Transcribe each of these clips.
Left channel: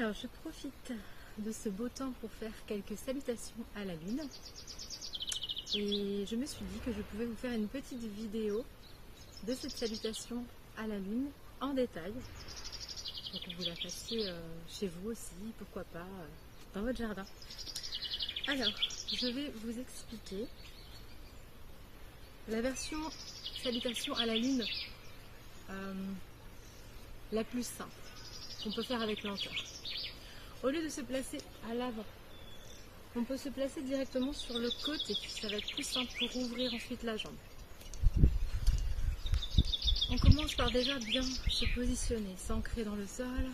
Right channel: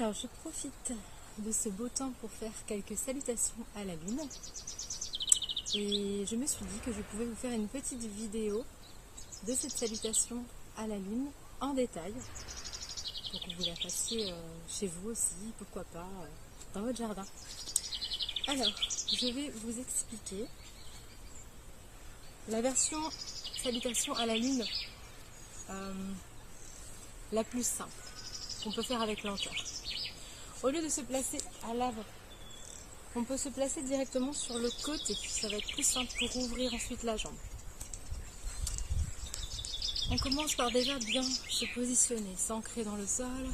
Alors, je profite de ce beau temps pour faire quelques salutations à la lune. Et je me suis dit que je pouvais vous faire une petite vidéo de cette salutation à la lune en détail. Pour que vous la fassiez chez vous aussi, pourquoi pas, dans votre jardin. Alors, je vais vous expliquer la version salutation à la lune la plus simple, qu'on peut faire avec lenteur. Au lieu de se placer à l'avant, on peut se placer directement sur le côté. Ça va être plus simple pour ouvrir ensuite la jambe. On commence par déjà bien se positionner, s'ancrer dans le sol,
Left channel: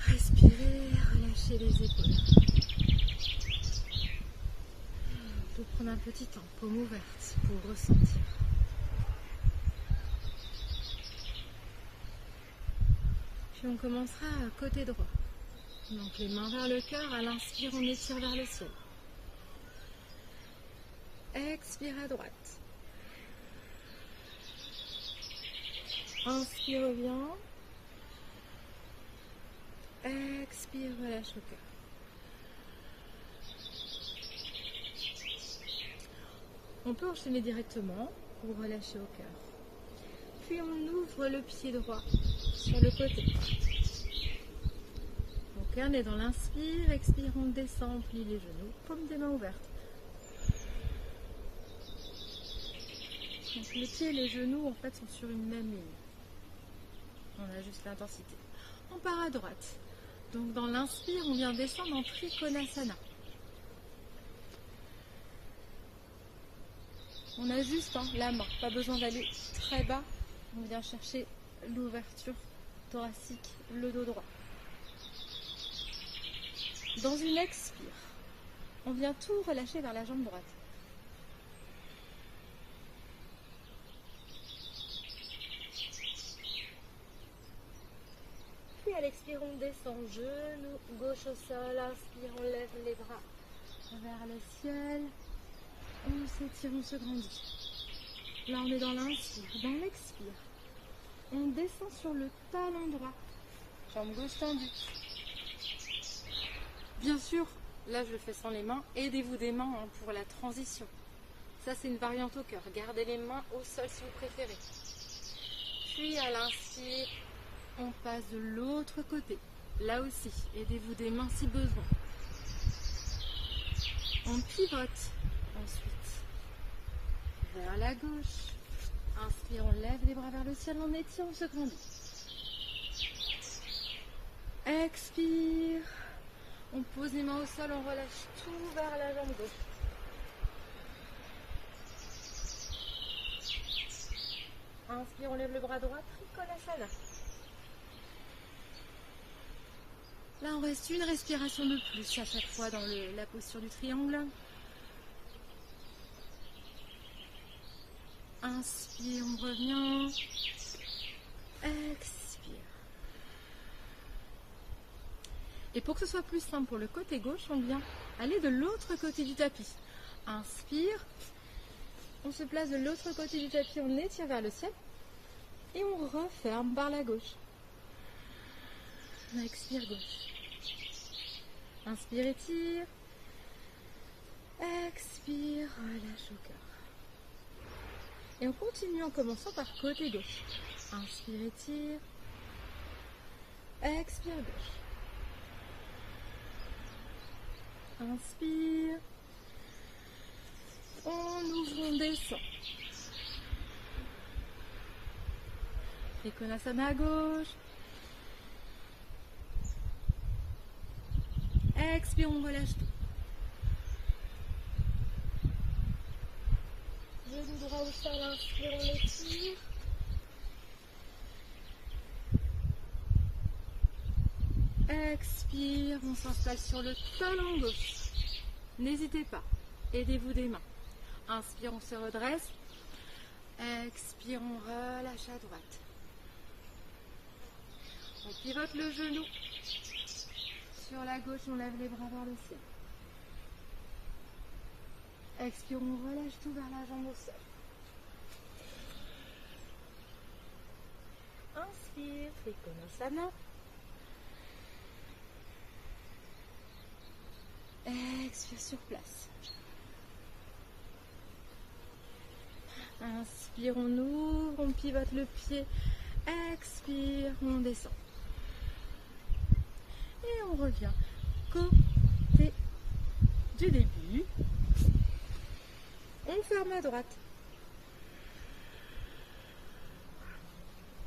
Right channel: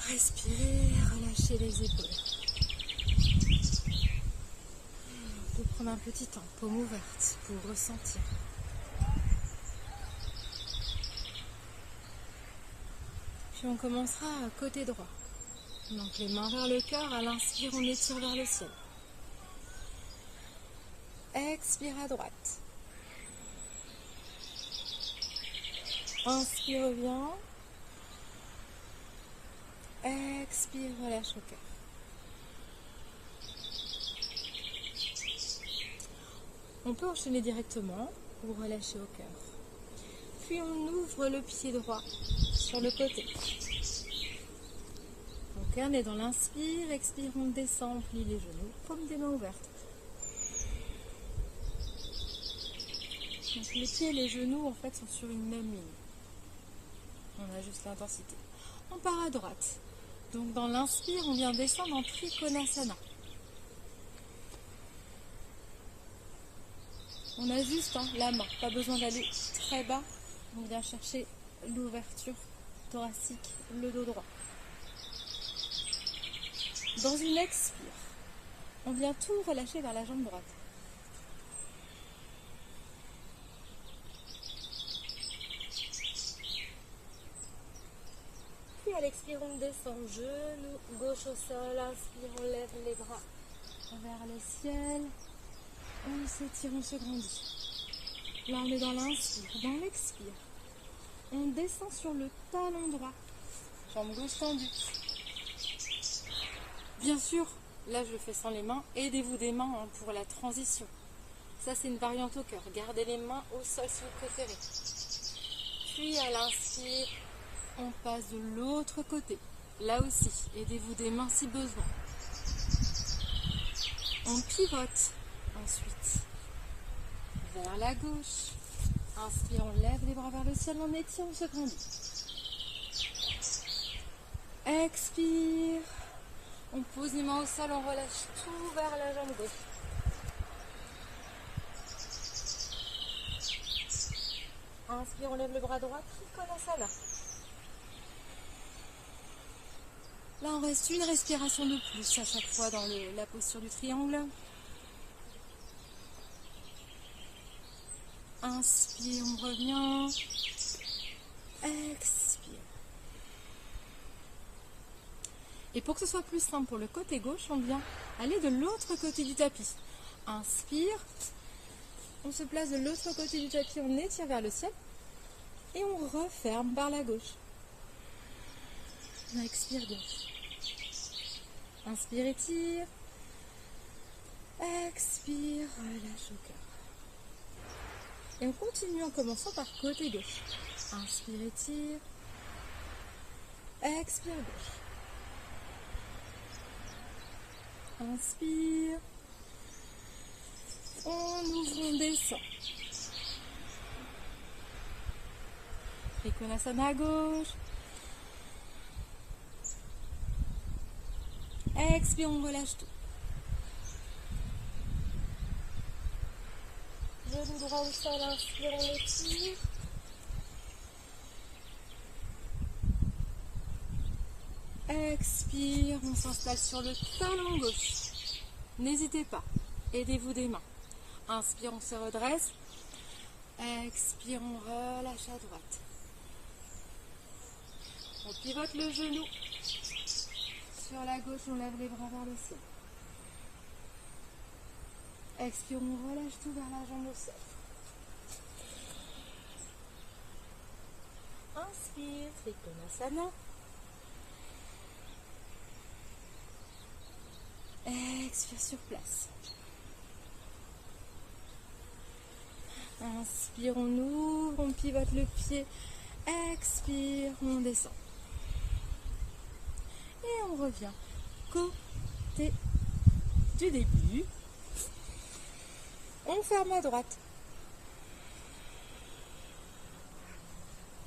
respirer, relâcher les épaules. Pour prendre un petit temps, paume ouverte, pour ressentir. Puis on commencera à côté droit. Donc les mains vers le cœur, à l'inspire, on étire vers le ciel. Expire à droite. Inspire, reviens. Expire, relâche au cœur. On peut enchaîner directement ou relâcher au cœur. Puis on ouvre le pied droit sur le côté. Donc on est dans l'inspire, expire, on descend, on plie les genoux, paume des mains ouvertes. Donc les pieds et les genoux en fait sont sur une même ligne. On ajuste l'intensité. On part à droite. Donc dans l'inspire, on vient descendre en Trikonasana. On ajuste la main, pas besoin d'aller très bas. On vient chercher l'ouverture thoracique, le dos droit. Dans une expire, on vient tout relâcher vers la jambe droite. Puis à l'expire, on descend, genou gauche au sol, inspire, on lève les bras vers le ciel. On s'étire, on se grandit. Là, on est dans l'inspire. Dans l'expire, on descend sur le talon droit. Jambe gauche tendue. Bien sûr, là, je le fais sans les mains. Aidez-vous des mains pour la transition. Ça, c'est une variante au cœur. Gardez les mains au sol si vous préférez. Puis, à l'inspire, on passe de l'autre côté. Là aussi, aidez-vous des mains si besoin. On pivote. Ensuite, vers la gauche. Inspire, on lève les bras vers le ciel, on étire, on se grandit. Expire. On pose les mains au sol, on relâche tout vers la jambe gauche. Inspire, on lève le bras droit, Trikonasana. Là, on reste une respiration de plus à chaque fois dans la posture du triangle. Inspire, on revient. Expire. Et pour que ce soit plus simple pour le côté gauche, on vient aller de l'autre côté du tapis. Inspire. On se place de l'autre côté du tapis, on étire vers le ciel. Et on referme par la gauche. Expire gauche. Inspire, étire. Expire, relâche au cœur. Et on continue en commençant par côté gauche. Inspire, étire. Expire, gauche. Inspire. On ouvre, on descend. Trikonasana à gauche. Expire, on relâche tout. Genou droit au sol, inspire, on étire. Expire, on s'installe sur le talon gauche. N'hésitez pas, aidez-vous des mains. Inspire, on se redresse. Expire, on relâche à droite. On pivote le genou. Sur la gauche, on lève les bras vers le ciel. Expire, on relâche tout vers la jambe au sol. Inspire, Trikonasana. Expire sur place. Inspire, on ouvre, on pivote le pied. Expire, on descend. Et on revient côté du début. On ferme à droite.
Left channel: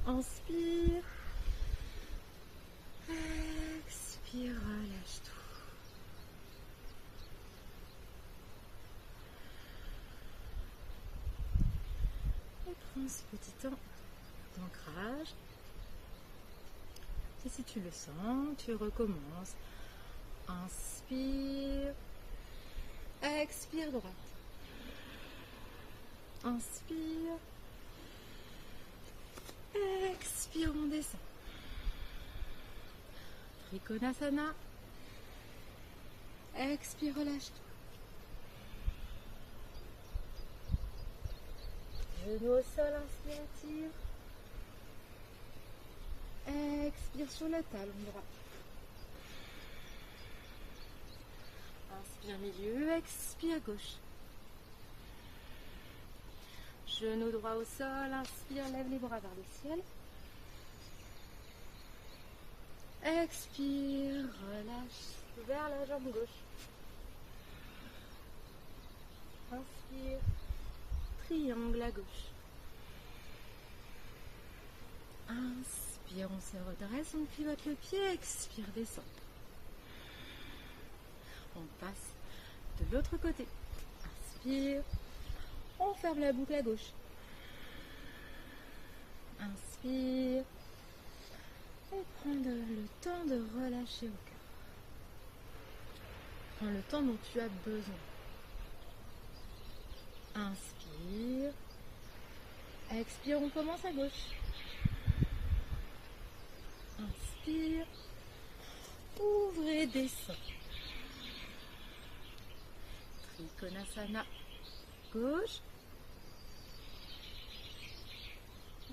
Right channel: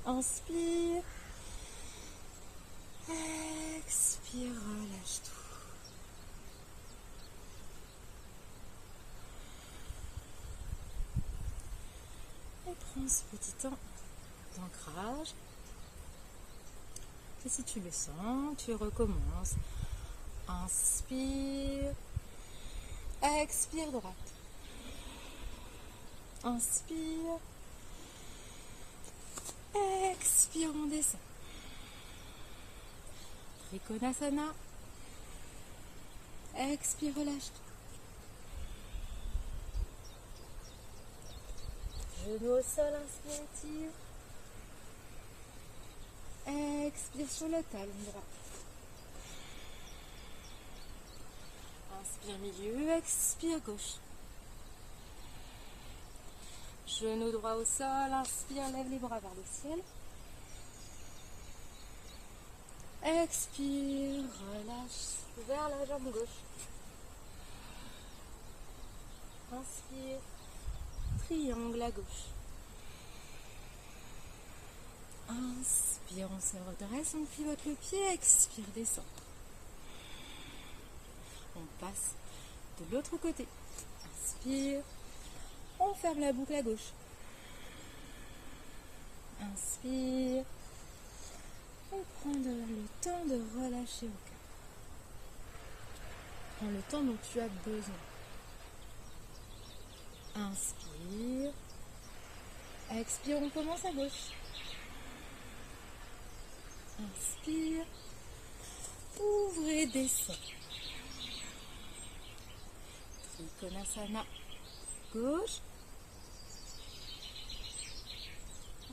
Inspire. Expire, relâche tout. Et prends ce petit temps d'ancrage. Et si tu le sens, tu recommences. Inspire. Expire droite. Inspire. Expire, on descend. Trikonasana. Expire, relâche. Genou au sol, inspire, tire. Expire sur le talon droit. Inspire milieu, expire gauche. Genou droit au sol, inspire, lève les bras vers le ciel. Expire, relâche vers la jambe gauche. Inspire, triangle à gauche. Inspire, on se redresse, on pivote le pied, expire, descend. On passe de l'autre côté. Inspire, on ferme la boucle à gauche. Inspire, et prends le temps de relâcher au cœur. Prends le temps dont tu as besoin. Inspire, expire, on commence à gauche. Inspire, ouvrez, descend. Trikonasana, gauche.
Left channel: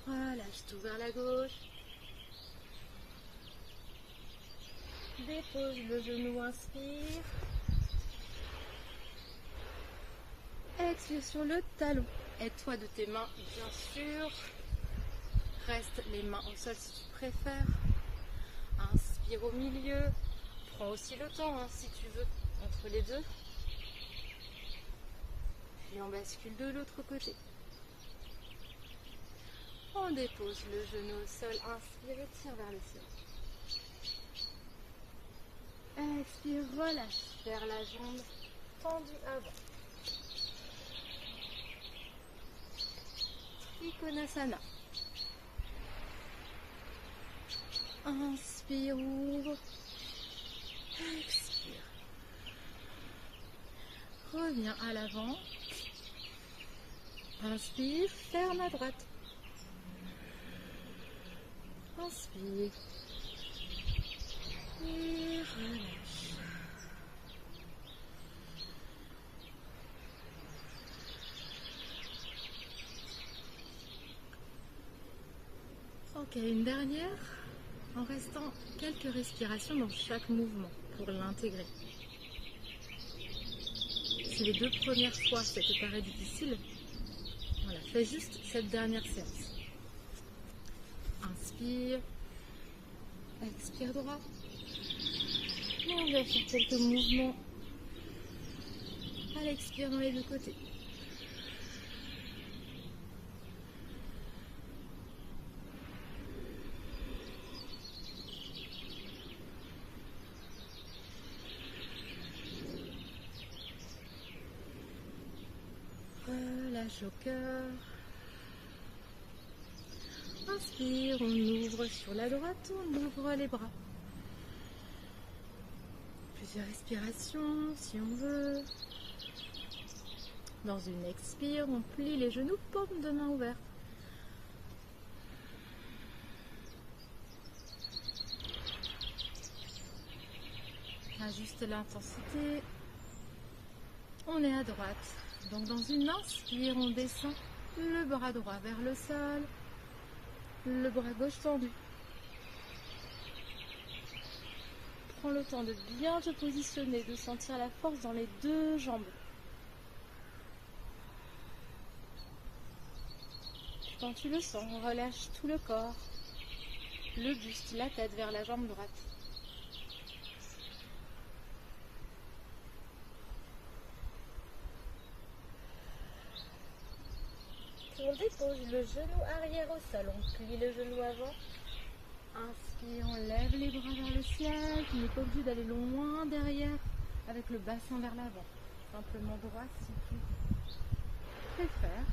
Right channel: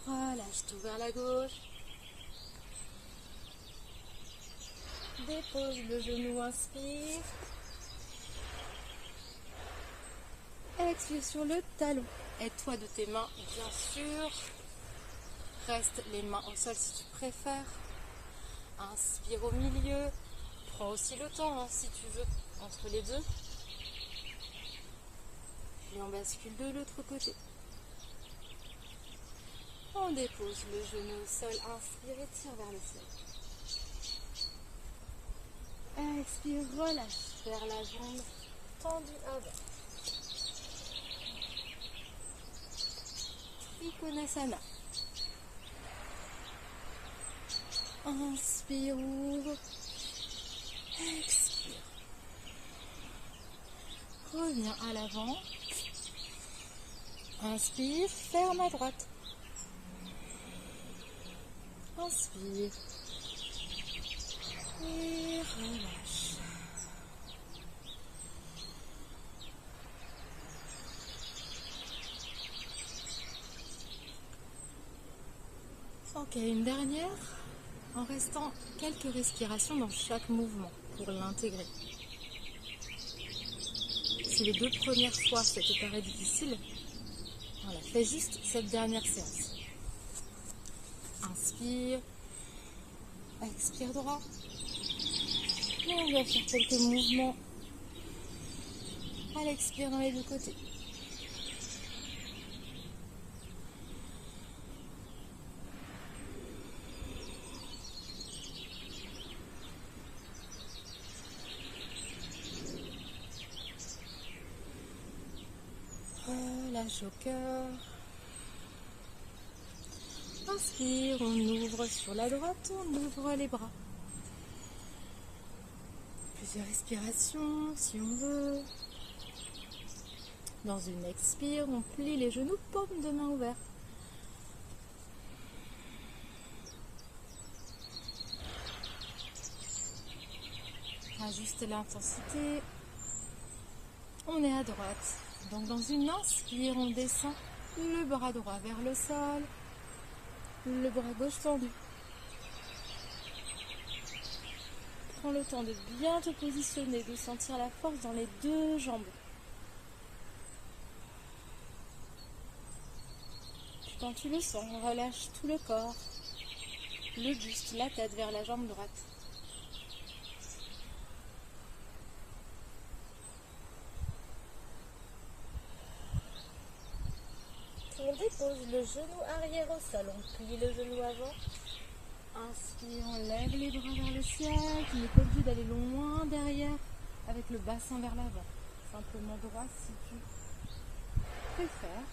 Relâche tout vers la gauche. Dépose le genou, inspire. Expire sur le talon. Aide-toi de tes mains, bien sûr. Reste les mains au sol si tu préfères. Inspire au milieu. Prends aussi le temps si tu veux entre les deux. Et on bascule de l'autre côté. On dépose le genou au sol. Inspire et tire vers le ciel. Expire, relâche vers la jambe tendue avant. Trikonasana. Inspire, ouvre. Expire. Reviens à l'avant. Inspire, ferme à droite. Inspire. Et relâche. Ok, une dernière, en restant quelques respirations dans chaque mouvement pour l'intégrer. Si les 2 premières fois ça te paraît difficile, voilà, fais juste cette dernière séance. Inspire, expire droit. Et on va faire quelques mouvements à l'expire dans les 2 côtés. Relâche au cœur. Inspire, on ouvre sur la droite, on ouvre les bras. Plusieurs respirations si on veut. Dans une expire, on plie les genoux, paume de main ouverte. Ajuste l'intensité. On est à droite. Donc dans une inspire, on descend le bras droit vers le sol, le bras gauche tendu. Prends le temps de bien te positionner, de sentir la force dans les deux jambes. Quand tu le sens, relâche tout le corps, le buste, la tête vers la jambe droite. On dépose le genou arrière au sol, on plie le genou avant. Inspire, on lève les bras vers le ciel. Tu n'es pas obligé d'aller loin derrière avec le bassin vers l'avant. Simplement droit si tu peux le faire.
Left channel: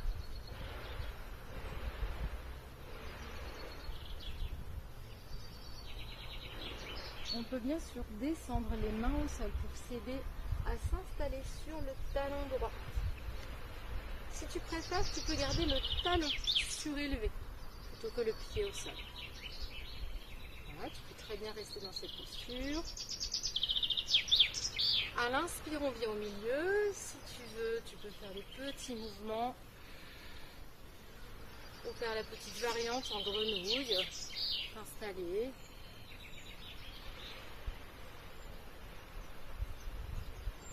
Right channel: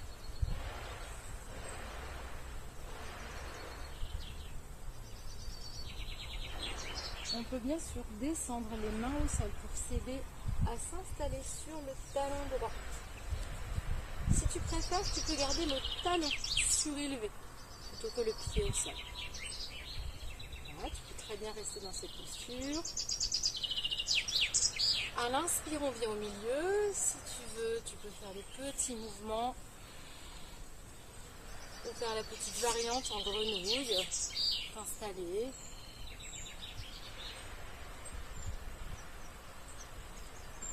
On peut bien sûr descendre les mains au sol pour s'aider à s'installer sur le talon droit. Si tu préfères, tu peux garder le talon surélevé plutôt que le pied au sol. Voilà, tu peux très bien rester dans cette posture. À l'inspire, on vient au milieu. Si tu veux, tu peux faire des petits mouvements ou faire la petite variante en grenouille. T'installer.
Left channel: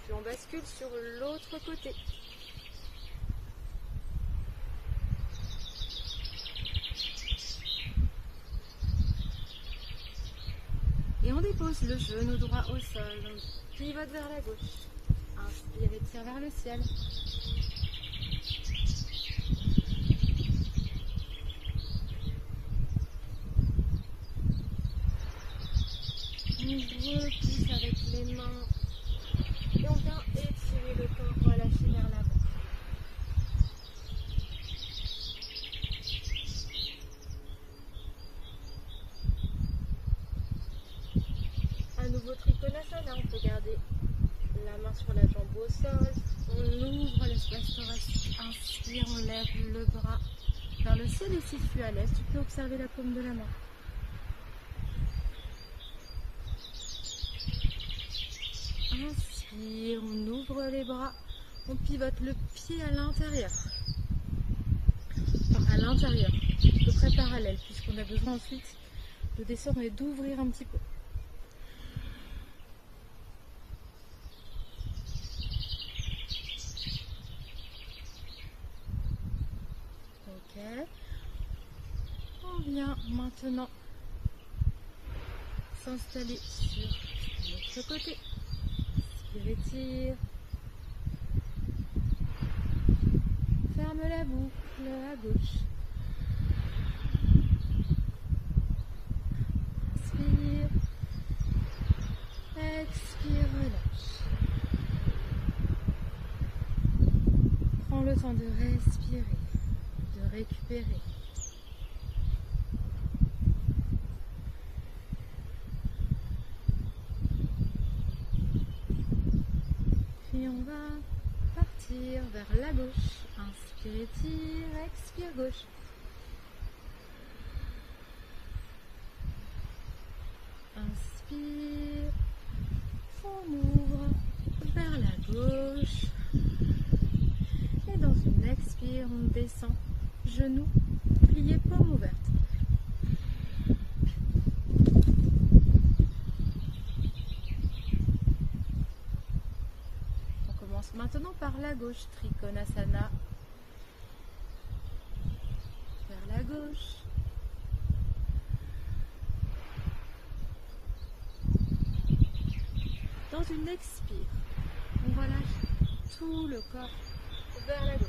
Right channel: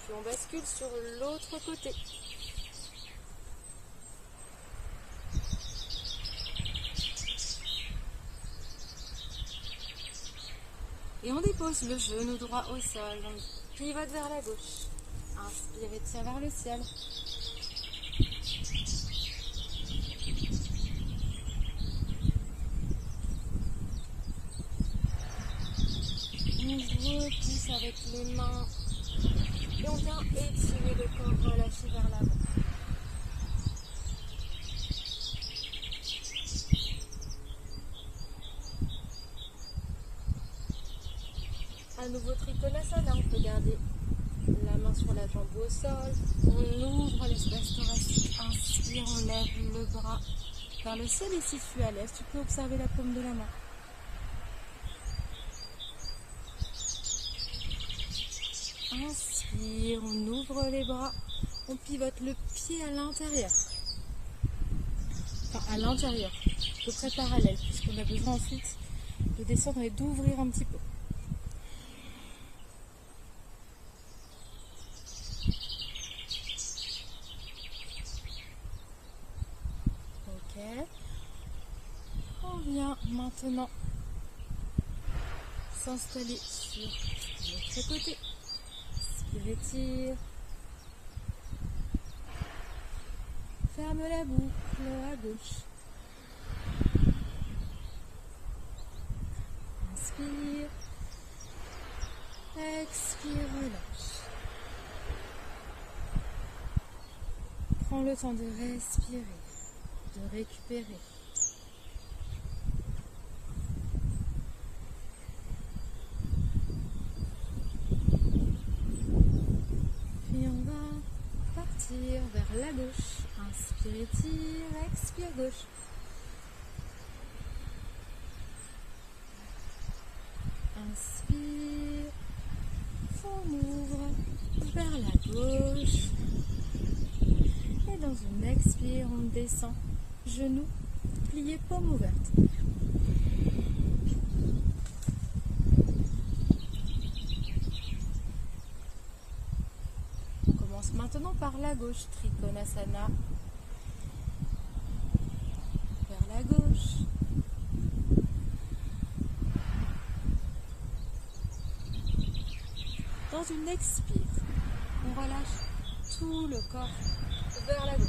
Puis on bascule sur l'autre côté. Et on dépose le genou droit au sol, pivote vers la gauche. Inspire et tire vers le ciel. On repousse avec les mains et on vient étirer le corps, relâcher vers l'avant. À nouveau Trikonasana, on peut garder la main sur la jambe au sol, on ouvre l'espace thoracique, inspire, on lève le bras vers le ciel et si tu es à l'aise, tu peux observer la paume de la main. Inspire, on ouvre les bras, on pivote le pied à l'intérieur. Enfin, à l'intérieur, de près parallèle, puisqu'on a besoin ensuite de descendre et d'ouvrir un petit peu. On vient maintenant s'installer sur l'autre côté. Inspire et tire. Ferme la boucle à gauche. Inspire. Expire, relâche. Prends le temps de respirer, de récupérer. Et on va partir vers la gauche. Inspire, tire, expire gauche. Inspire, on ouvre vers la gauche. Et dans une expire, on descend, genoux pliés, paume ouverte. On commence maintenant par la gauche, Trikonasana. Vers la gauche. Dans une expire, on relâche tout le corps vers la gauche.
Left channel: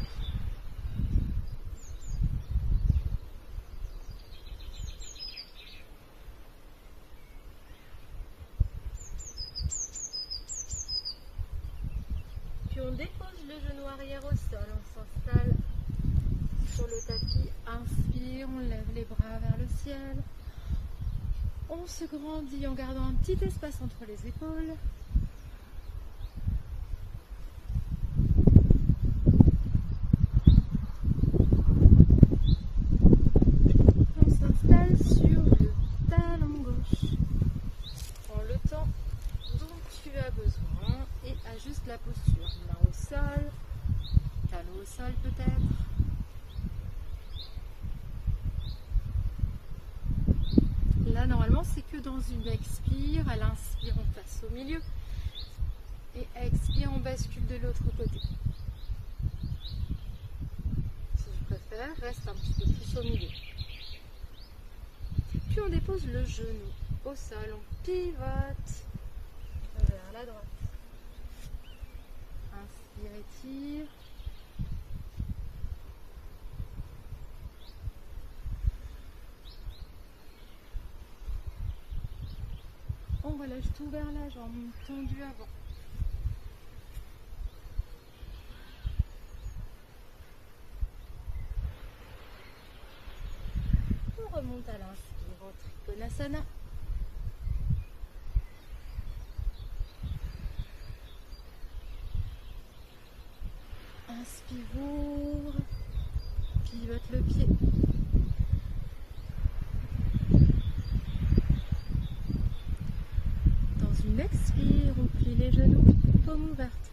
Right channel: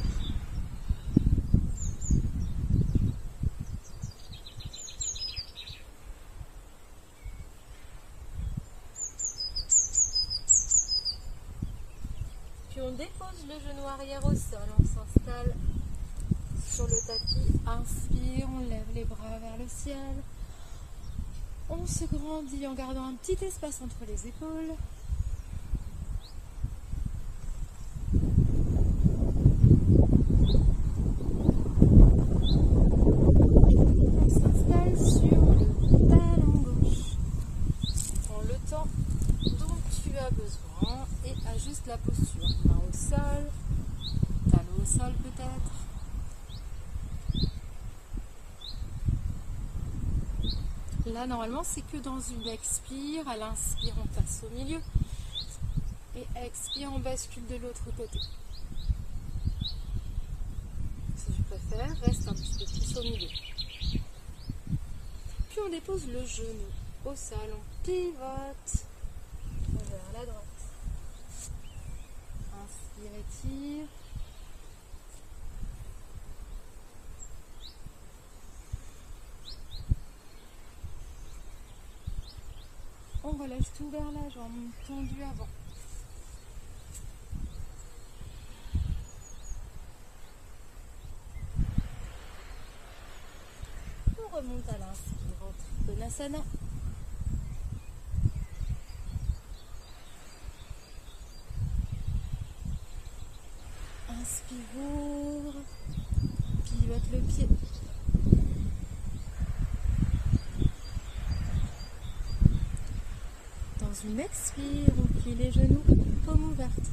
Puis on dépose le genou arrière au sol, on s'installe sur le tapis, inspire, on lève les bras vers le ciel. On se grandit en gardant un petit espace entre les épaules. Besoin et ajuste la posture. Main au sol, talon au sol peut-être. Là, normalement, c'est que dans une expire. À l'inspire, on passe au milieu. Et expire, on bascule de l'autre côté. Si je préfère, reste un petit peu plus au milieu. Puis on dépose le genou au sol. On pivote vers la droite. Inspire, étire. On relâche tout vers la jambe, tendue avant. On remonte à l'inspire en Trikonasana. Inspire, ouvre, pivote le pied. Dans une expire, on plie les genoux, paume ouverte.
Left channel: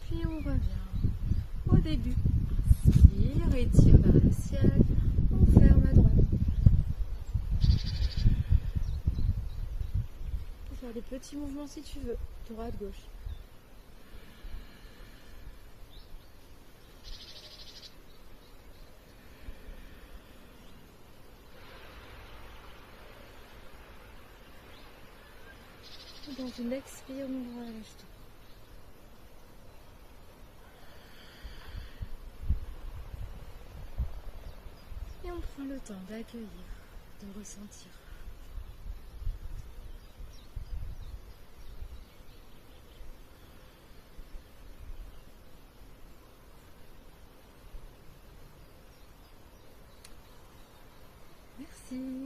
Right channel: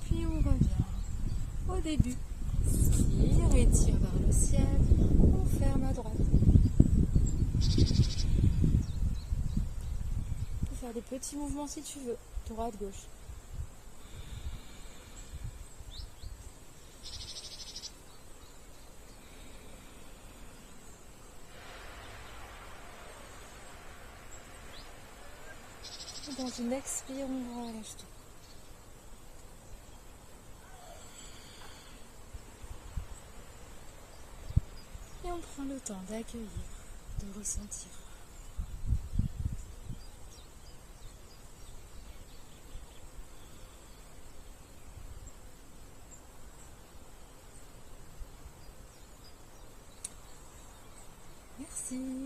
Puis on revient au début. Inspire, étire vers le ciel, on ferme à droite. Tu peux faire des petits mouvements si tu veux, droite, gauche. Dans une expire, on relâche tout. Et on prend le temps d'accueillir, de ressentir. Merci.